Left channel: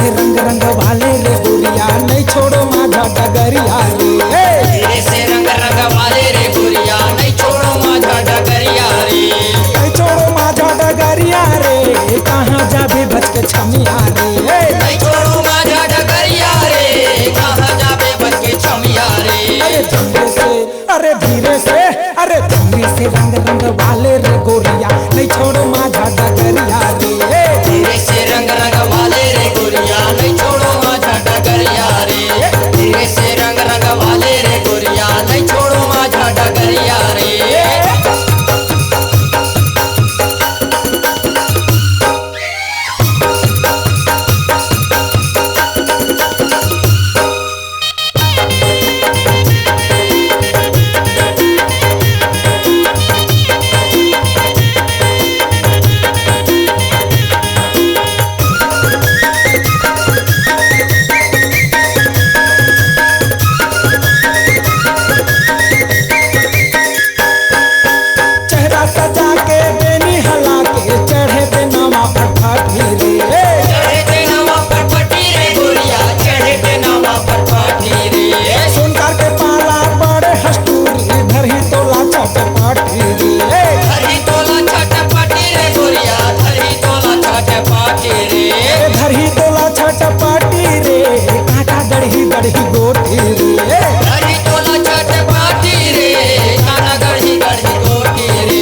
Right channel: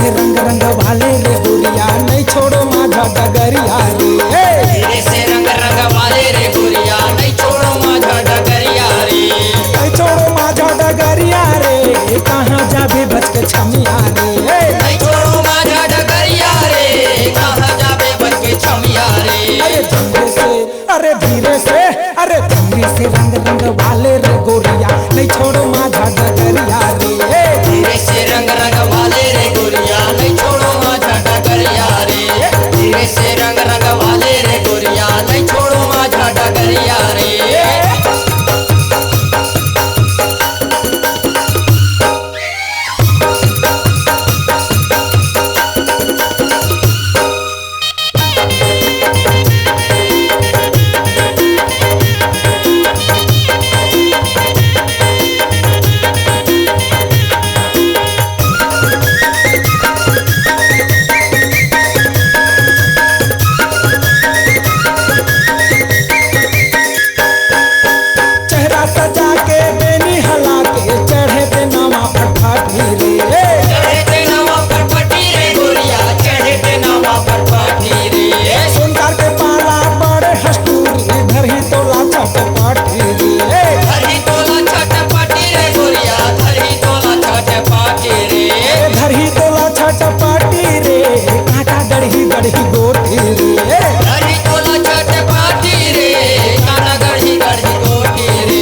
से रंग रंग वाले रे गोरिया नहीं छोड़ो माझा डगरिया रे। धीरे से रंग रंग वाले रे गोरिया नहीं छोड़ो माझा डगरिया रे। नहीं छोड़ो माझा डगरिया रे कहाँ जाबे बच के छमिया रे। नहीं छोड़ो माझा डगरिया रे कहाँ जाबे बच के छमिया रे। अरे धीरे से अरे धीरे से अरे धीरे से रंग रंग वाले रे गोरिया नहीं छोड़ो माझा डगरिया रे। धीरे से रंग रंग वाले रे गोरिया नहीं छोड़ो माझा डगरिया रे। धीरे से रंग रंग वाले रे गोरिया नहीं छोड़ो माझा डगरिया रे। सजा के बेनी हला के चढ़े ते नवा फटफटी रे। चढ़े ते नवा फटफटी रे गोरिया चढ़े ते नवा फटफटी रे। सोनकार के पाला बड़े हस्तूरी धरही तोला चटपटी रे। धरही तोला चटपटी रे गोरिया धरही तोला चटपटी रे। धरही तोला चटपटी रे कांटा गढ़ी गढ़ी गोटी रे। धरही तोला चटपटी रे कांटा गढ़ी गढ़ी गोटी रे।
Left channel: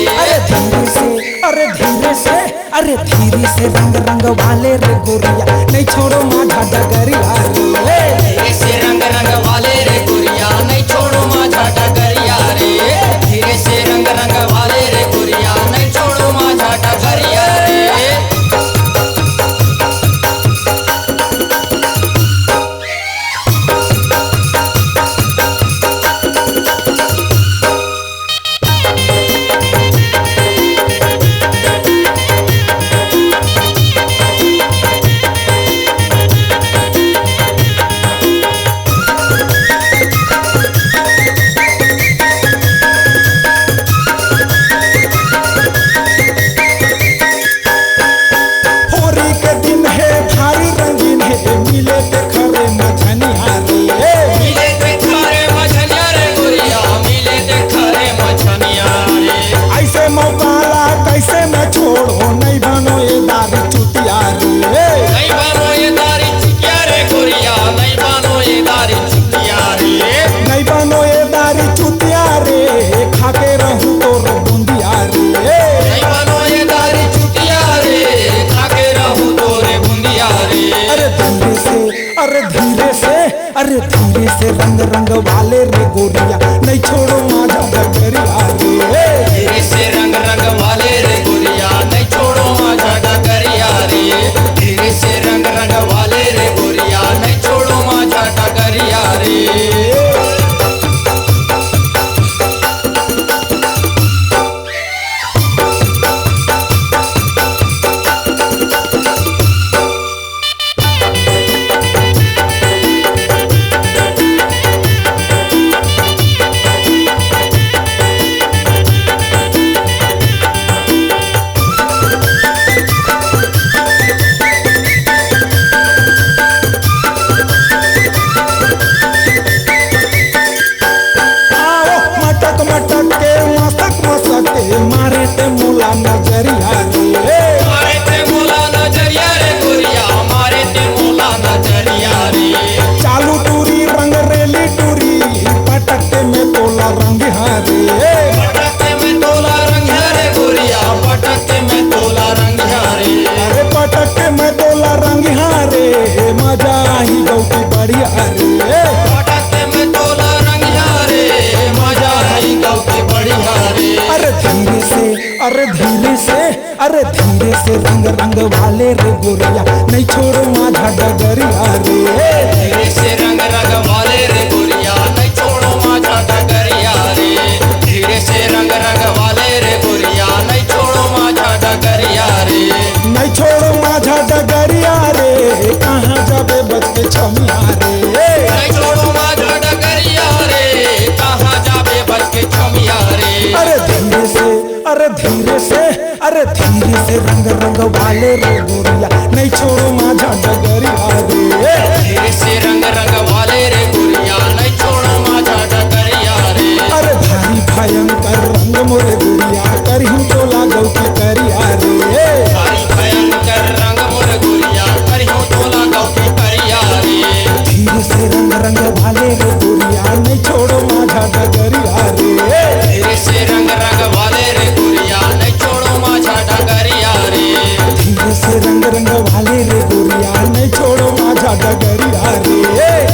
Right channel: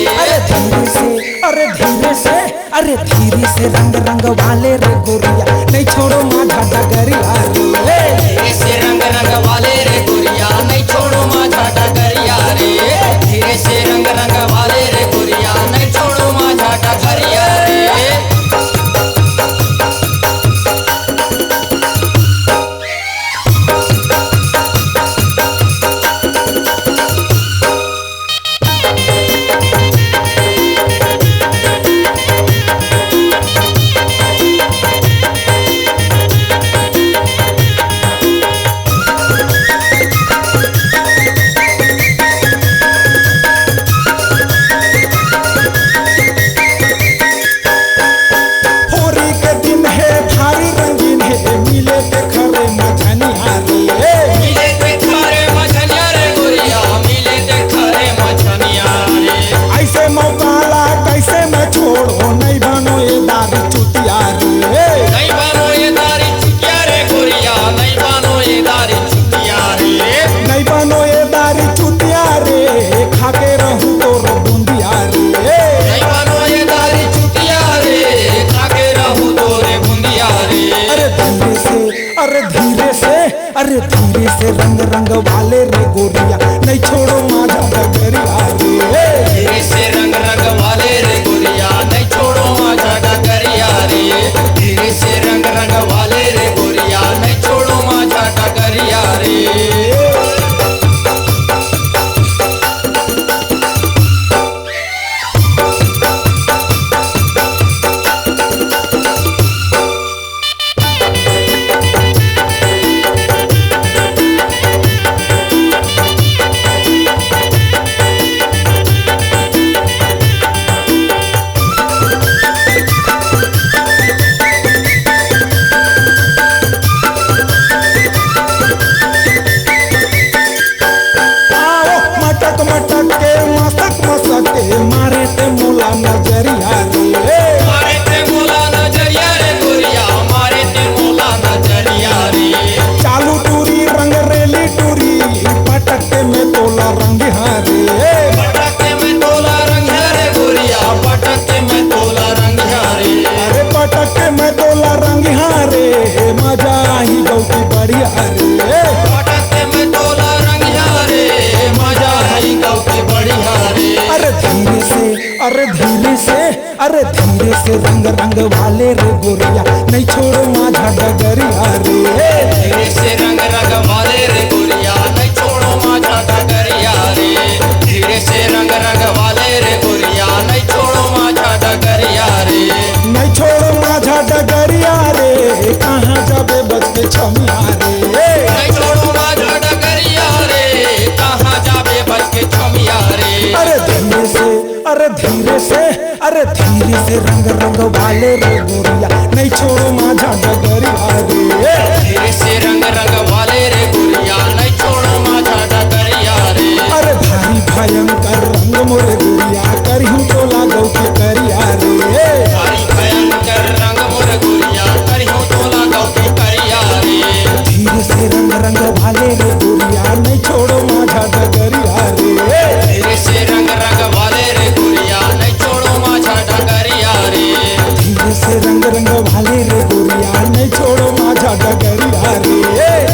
अरे धीरे से अरे धीरे से रंग रंग वाले रे गोरिया नहीं छोड़ो माझा डगरिया रे। धीरे से रंग रंग वाले रे गोरिया नहीं छोड़ो माझा डगरिया रे। धीरे से रंग रंग वाले रे गोरिया नहीं छोड़ो माझा डगरिया रे। मिले ते खरे मछनिया रे। मिले ते खरे मछनिया रे गोरिया मिले ते खरे मछनिया रे। ऐसे मौकाला कैसे मैं छोड़ो नहीं बनो ये दारी चुतिया रे। नहीं बनो ये दारी चुतिया रे गोरिया नहीं बनो ये दारी चुतिया रे। नहीं बनो ये दारी चुतिया रे खाके रहूं तोर बूंदिया रे। नहीं बनो ये दारी चुतिया रे खाके रहूं तोरे बूंदिया रे। अरे धीरे से रंग रंग वाले रे गोरिया नहीं छोड़ो माझा डगरिया रे। धीरे से रंग रंग वाले रे गोरिया नहीं छोड़ो माझा डगरिया रे। धीरे से रंग रंग वाले रे गोरिया नहीं छोड़ो माझा डगरिया रे। मारे ते मोला नजरिया रे। मारे ते मोला नजरिया रे गोरिया मारे ते मोला नजरिया रे। चालू टूरी रंग रेली टूरी पटके में तोला रंग रे। पटके में तोला रंग रे गोरिया पटके में तोला रंग रे। अरे पटके में तोला रंग रे मजा ही गौ की बढ़िया रे। पटके में तोला रंग रे मजा ही गौ की बढ़िया रे। अरे धीरे से रंग रंग वाले रे गोरिया नहीं छोड़ो माझा डगरिया रे। धीरे से रंग रंग वाले रे गोरिया नहीं छोड़ो माझा डगरिया रे। धीरे से रंग रंग वाले रे गोरिया नहीं छोड़ो माझा डगरिया रे। नहीं छोड़ो माझा डगरिया रे कहाँ जाबे बच के छमिया रे। नहीं छोड़ो माझा डगरिया रे कहाँ जाबे बच के छमिया रे। अरे धीरे से अरे धीरे से अरे धीरे से रंग रंग वाले रे गोरिया नहीं छोड़ो माझा डगरिया रे धीरे से रंग रंग वाले रे गोरिया नहीं छोड़ो माझा डगरिया रे अरे भारी भयंकर रंग मोरे गोरिया करहूं तो लागौ की करिया रे भारी भयंकर रंग मोर गोरिया करहूं तो लागौ की करिया रे धीरे से रंग रंग वाले रे गोरिया नहीं छोड़ो माझा डगरिया रे धीरे से रंग रंग वाले रे गोरिया नहीं छोड़ो माझा डगरिया रे धीरे से रंग रंग वाले रे गोरिया नहीं छोड़ो माझा डगरिया रे